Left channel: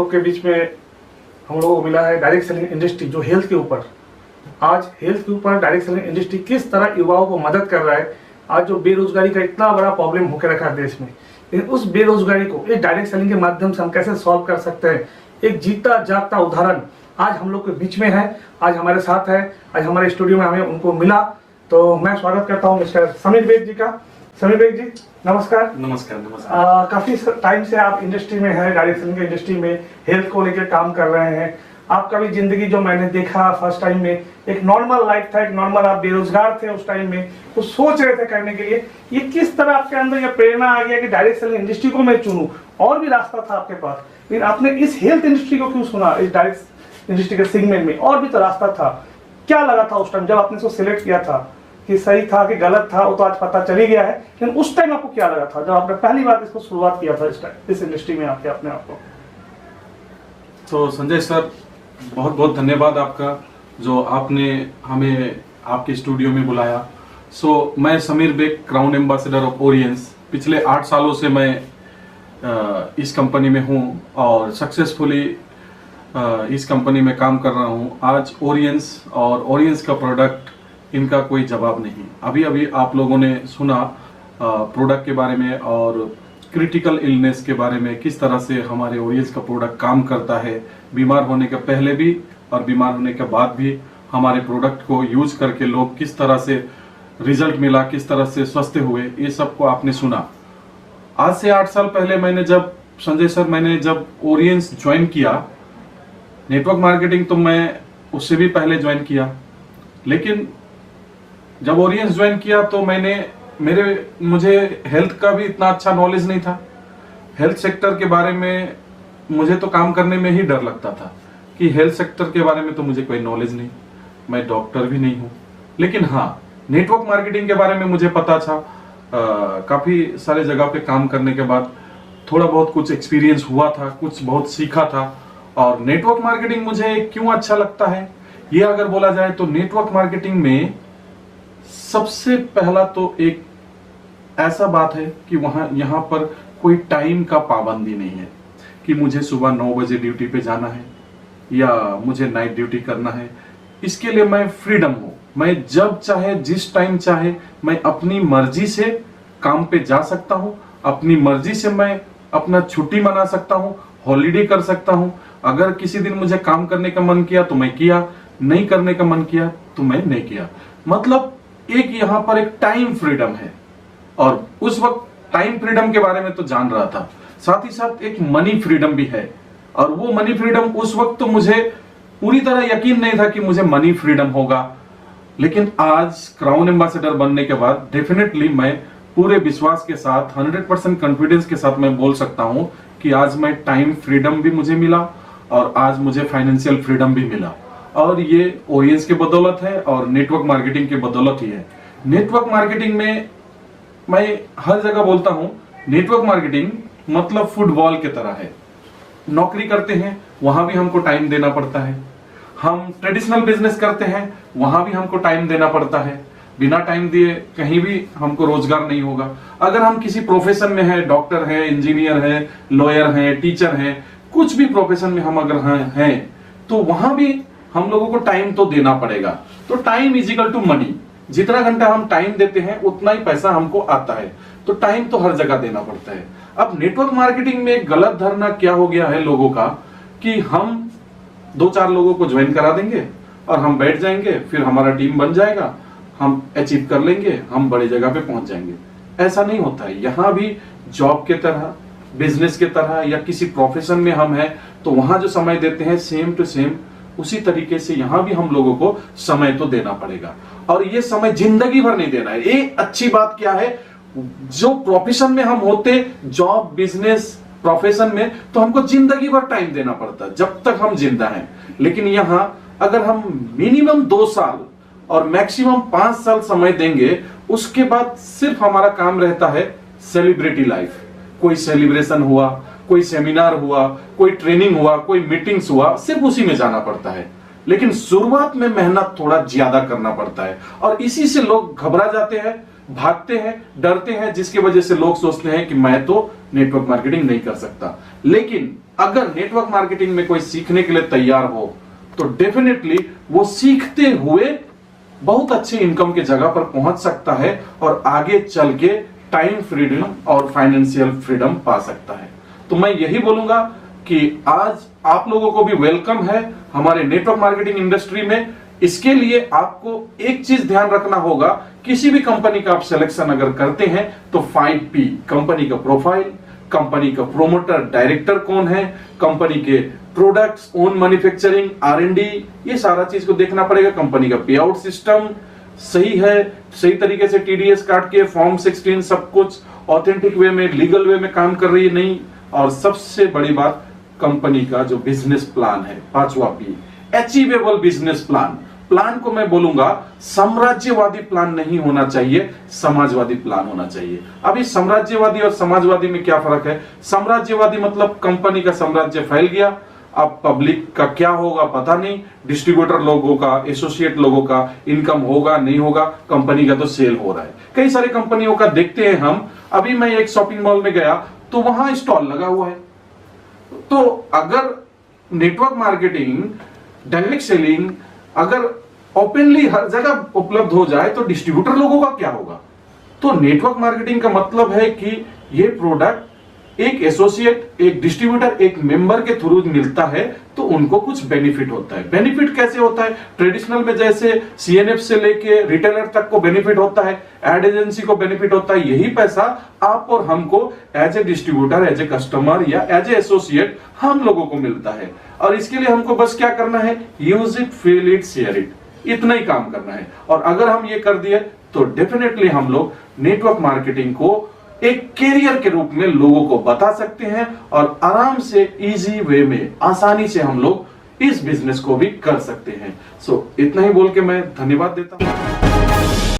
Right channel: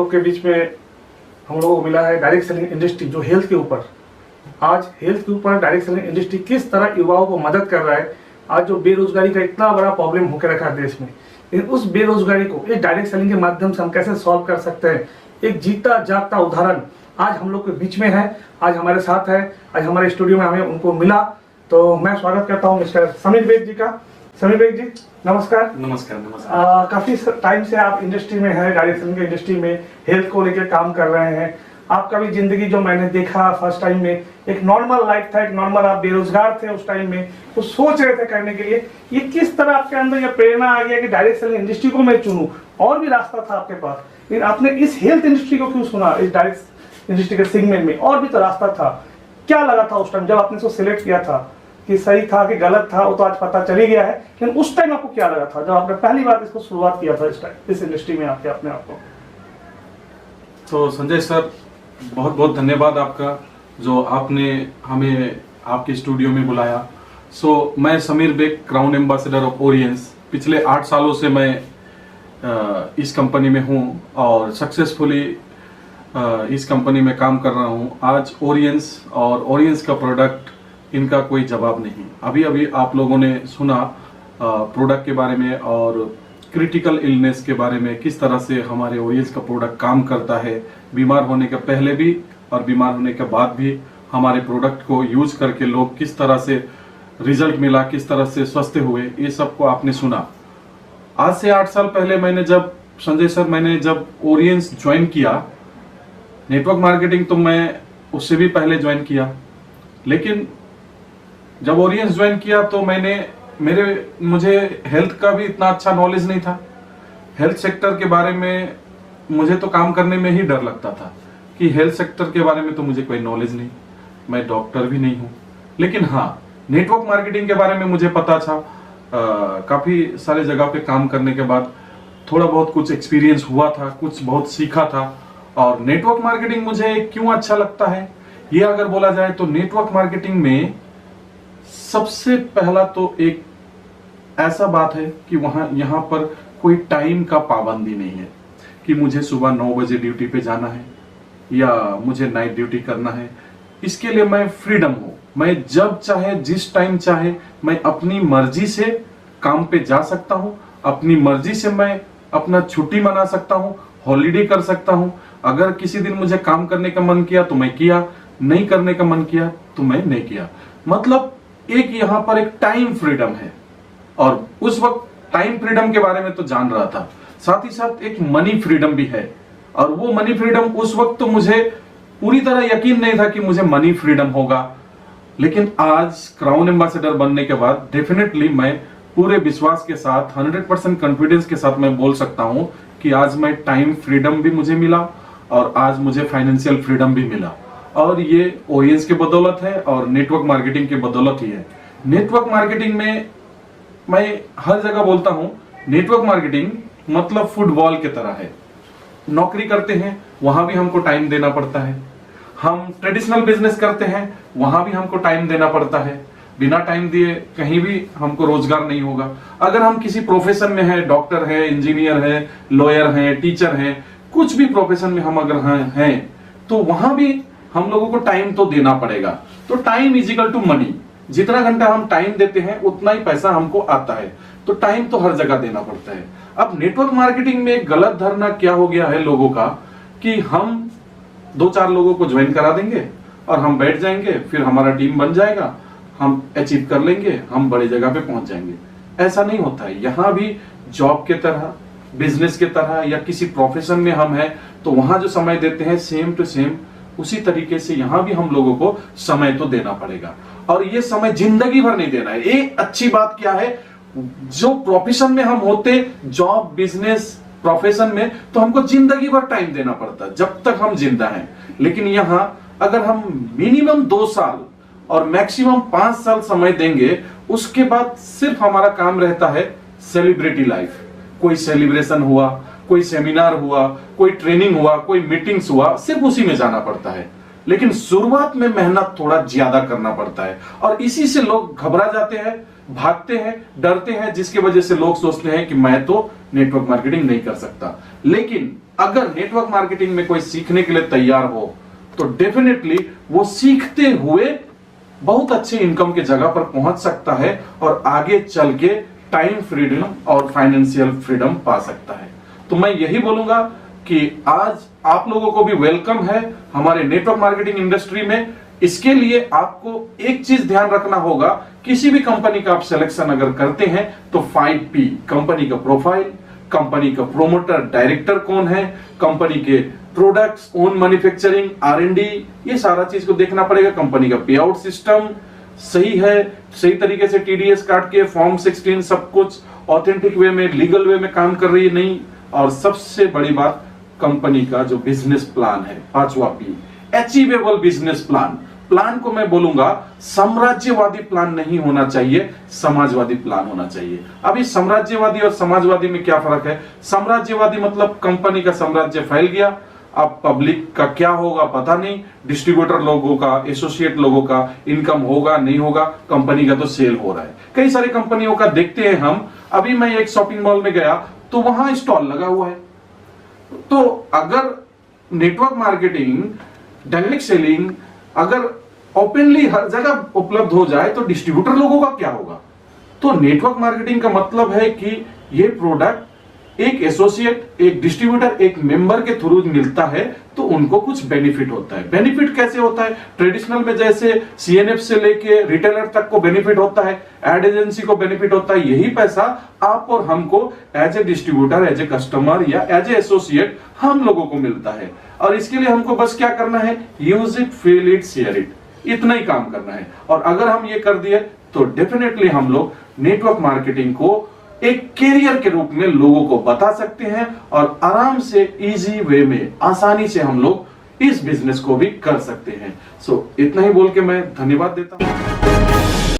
लोग के बीच में हम लोगों को मिला है डायरेक्ट सेलिंग इंडस्ट्री, जो हेल्थ के ऊपर, आज हेल्थ के ऊपर डायरेक्ट सेलिंग इंडस्ट्री किस तरह युवाओं को मदद कर रहा है। आज जो बेरोजगारी का इतना बड़ा प्रॉब्लम होकर रखा है देश में, लेकिन उस बेरोजगारी को एक डायरेक्ट सेलिंग के माध्यम से हम कैसे सॉल्व कर सकते हैं, एक जीता जागता उदाहरण आज हम लोग के बीच में है, आज हमारे साथ है, आज हमारे स्टूडियो में हमें उनको मिला। तो मैं स्वागत करता हूँ मिस्टर समीर बेग जी का। समीर बेग जी नमस्कार। नमस्कार। नमस्कार। काफी टाइम से आप इंडस्ट्री में हैं, डायरेक्ट सेलिंग इंडस्ट्री में हेल्थ को लेकर काम कर रहे हैं। आपका भी जिंदगी जो मैंने देखा फर्स्ट टाइम में एक नॉर्मल लाइफ था, एक नॉर्मल, आप बेरोजगार थे उस टाइम में, तो सोच रहे थे करने के लिए, ये किस तरह आपके अंदर ये प्रेरणा आ गया कि डायरेक्ट सेलिंग इंडस्ट्री को मैं चुनूं। और भी रास्ता था आपके पास, लेकिन आपने इस हेल्थ इंडस्ट्री को क्यों चुना, इस डायरेक्ट इंडस्ट्री का सेगमेंट में? और भी तो रास्ता था, क्या लगा था उस टाइम जब आपने इसको सिलेक्ट किया था कि सही था कि गलत था, वो तो आज पता चल ही गया है, लेकिन उस टाइम आपको क्या लगा था जब आपने पहली बार इसको शुरुआत किया था इस इंडस्ट्री में आके अपने आप को? तो संजय सर, बहुत बहुत धन्यवाद आपका जो आपने हमें आपके स्टूडियो में बुलाया। मैं Sameer Baig, crown ambassador of Orions. पिछले 8 सालों से मैं इस कंपनी में हूँ और सक्सेसफुली इस कंपनी में काम कर रहा हूँ। आज ओरियंस और ओरियंस का प्रोडक्ट, इनका कोई जवाब नहीं। अभी अभी आप लोगों ने सुना प्रोडक्ट के बारे में और क्रिटिकल इलनेस के बारे में, किस तरह से हमारे ओरियंस का प्रोडक्ट काम करता है। बीमार होने के पहले भी और बीमार होने के बाद भी हमारे प्रोडक्ट को यूज करके लोग किस तरह से रिजल्ट मिला, किस तरह से स्वस्थ हुए, ये सब को आपने सुना। आज से 8 साल पहले मैंने जब ओरियंस ज्वाइन किया, नेटवर्क मार्केटिंग तो मैं उससे भी पहले ज्वाइन किया, लेकिन जब ओरियंस ज्वाइन किया तो मुझे हेल्थ का भी इतना अच्छा नॉलेज नहीं था। हेल्थ सेक्टर के बारे में मुझे तो काम करने में ही डर लगता था कि हेल्थ सेक्टर के बारे में तो मुझे कोई नॉलेज नहीं, मैं डॉक्टर भी नहीं हूँ। लेकिन हाँ, नेटवर्क मार्केटिंग के बारे में मुझे पता था। काफी सारी जगह पे काम करने के बाद थोड़ा बहुत कुछ एक्सपीरियंस हुआ था, कुछ बहुत सीखा था। और नेटवर्क मार्केटिंग मुझे क्यों अच्छा लगता है, ये अगर बोला जाए तो नेटवर्क मार्केटिंग में सबसे पहला तो एक ऐसा बात है कि यहाँ पर कोई टाइम का पाबंदी नहीं है कि मुझे सुबह 9 बजे ड्यूटी पे जाना है या मुझे नाइट ड्यूटी करना है। इसके लिए मैं फ्रीडम हूँ, मैं जब चाहे जिस टाइम चाहे मैं अपनी मर्जी से काम पे जा सकता हूँ, अपनी मर्जी से मैं अपना छुट्टी मना सकता हूँ, हॉलीडे कर सकता हूँ। अगर किसी दिन मुझे काम करने का मन किया तो मैं किया, नहीं करने का मन किया तो मैं नहीं किया। मतलब एक यहाँ पर एक टाइम फ्रीडम है, और उस वक्त टाइम फ्रीडम के बारे में तो जान रहा था, साथ ही साथ एक मनी फ्रीडम भी है। और वो मनी फ्रीडम उस वक्त तो मुझे पूरी तरह यकीन नहीं था कि मुझे मनी फ्रीडम होगा, लेकिन आज क्राउन एम्बेसडर बनने के बाद डेफिनेटली मैं पूरे विश्वास के साथ 100% कॉन्फिडेंस के साथ मैं बोल सकता हूं कि आज मैं टाइम फ्रीडम भी मुझे मिला और आज मुझे फाइनेंशियल फ्रीडम भी मिला। और ये ओरियंस के बदौलत है और नेटवर्क मार्केटिंग के बदौलत ही है। नेटवर्क मार्केटिंग में मैं हर जगह बोलता हूँ, नेटवर्क मार्केटिंग मतलब फुटबॉल की तरह है। नौकरी करते हैं वहां भी हमको टाइम देना पड़ता है, हम ट्रेडिशनल बिजनेस करते हैं वहां भी हमको टाइम देना पड़ता है। बिना टाइम दिए कहीं भी हमको रोजगार नहीं होगा। अगर हम किसी प्रोफेशन में हैं, डॉक्टर हैं, इंजीनियर हैं, लॉयर हैं, टीचर हैं, कुछ भी प्रोफेशन में हम अगर हैं तो वहां भी हम लोगों को टाइम तो देना पड़ेगा। तो time is equal to money. जितना घंटा हम टाइम देते हैं उतना ही पैसा हमको आता है, तो टाइम तो हर जगह देना पड़ता है। अब नेटवर्क मार्केटिंग में एक गलत धारणा क्या हो गया है लोगों का कि हम 2-4 लोगों को ज्वाइन करा देंगे और हम बैठ जाएंगे, फिर हमारा टीम बन जाएगा, हम अचीव कर लेंगे, हम बड़े जगह पे पहुंच जाएंगे। ऐसा नहीं होता है। यहाँ भी जॉब के तरह, बिजनेस के तरह या किसी प्रोफेशन में हम हैं तो वहां जो समय देते हैं सेम टू सेम उसी तरीके से यहाँ भी हम लोगों को समय तो देना पड़ेगा। और ये समय जिंदगी भर नहीं देना है। ये अच्छी बात क्या है, जो प्रोफेशन में हम होते, जॉब, बिजनेस, प्रोफेशन में, तो हमको जिंदगी भर टाइम देना पड़ता है जब तक हम जिंदा है। लेकिन यहाँ अगर हम मिनिमम 2 साल और मैक्सिमम 5 साल समय देंगे, उसके बाद सिर्फ हमारा काम रहता है सेलिब्रिटी लाइफ। कोई सेलिब्रेशन हुआ, कोई सेमिनार हुआ, कोई ट्रेनिंग हुआ, कोई मीटिंग्स हुआ, सिर्फ उसी में जाना पड़ता है। लेकिन शुरुआत में मेहनत थोड़ा ज्यादा करना पड़ता है और इसी से लोग घबरा जाते हैं, भागते हैं, डरते हैं, जिसकी वजह से लोग सोचते हैं कि मैं तो नेटवर्क मार्केटिंग नहीं कर सकता। लेकिन अगर नेटवर्क मार्केटिंग में कोई सीखने के लिए तैयार हो तो डेफिनेटली वो सीखते हुए बहुत अच्छी इनकम की जगह पर पहुंच सकता है और आगे चल के टाइम फ्रीडम और फाइनेंशियल फ्रीडम पा सकता है। तो मैं यही बोलूंगा कि आज आप लोगों को भी वेलकम है हमारे नेटवर्क मार्केटिंग इंडस्ट्री में। इसके लिए आपको एक चीज ध्यान रखना होगा, किसी भी कंपनी का आप सिलेक्शन अगर करते हैं तो 5P, कंपनी का प्रोफाइल, कंपनी का प्रोमोटर डायरेक्टर कौन है, कंपनी के प्रोडक्ट्स, ओन मैन्युफैक्चरिंग, R&D, ये सारा चीज को देखना पड़ेगा। कंपनी का पे आउट सिस्टम सही है, सही तरीके से TDS काट के फॉर्म 16 सब कुछ ऑथेंटिक वे में, लीगल वे में काम कर रही है नहीं। और सबसे बड़ी बात, कंपनी का जो बिजनेस प्लान है, 5वां P, achievable business plan. Plan को मैं बोलूंगा साम्राज्यवादी प्लान नहीं होना चाहिए, समाजवादी प्लान होना चाहिए। अभी साम्राज्यवादी और समाजवादी में क्या फर्क है? साम्राज्यवादी मतलब कंपनी का साम्राज्य फैल गया, अब पब्लिक का क्या होगा पता नहीं, डिस्ट्रीब्यूटर लोगों का, एसोसिएट लोगों का इनकम होगा नहीं होगा, कंपनी का तो सेल हो रहा है। कई सारी कंपनियों का देखते हैं हम। अभी मैं एक शॉपिंग मॉल में गया तो वहां स्टॉल लगा हुआ है। तो अगर नेटवर्क मार्केटिंग, डायरेक्ट सेलिंग अगर ओपनली हर जगह उपलब्ध हो जाए तो डिस्ट्रीब्यूटर लोगों का क्या होगा? तो नेटवर्क मार्केटिंग का मतलब है कि ये प्रोडक्ट एक एसोसिएट, एक डिस्ट्रीब्यूटर, एक मेंबर के थ्रू मिलता है तो उनको कुछ बेनिफिट होता है। बेनिफिट कैसे होता है? ट्रेडिशनल में जैसे CNF से लेके रिटेलर तक को बेनिफिट होता है, एड एजेंसी को बेनिफिट होता है। यही पैसा आप और हमको as a distributor, as a customer या एज ए एसोसिएट हम लोगों को मिलता है। और इसके लिए हमको बस क्या करना है? Use it, feel it, share it, इतना ही काम करना है। और अगर हम ये कर दिए तो डेफिनेटली हम लोग नेटवर्क मार्केटिंग को एक कैरियर के रूप में लोगों को बता सकते हैं और आराम से इजी वे में, आसानी से हम लोग इस बिजनेस को भी कर सकते हैं। सो इतना ही बोल के मैं धन्यवाद देता हूं।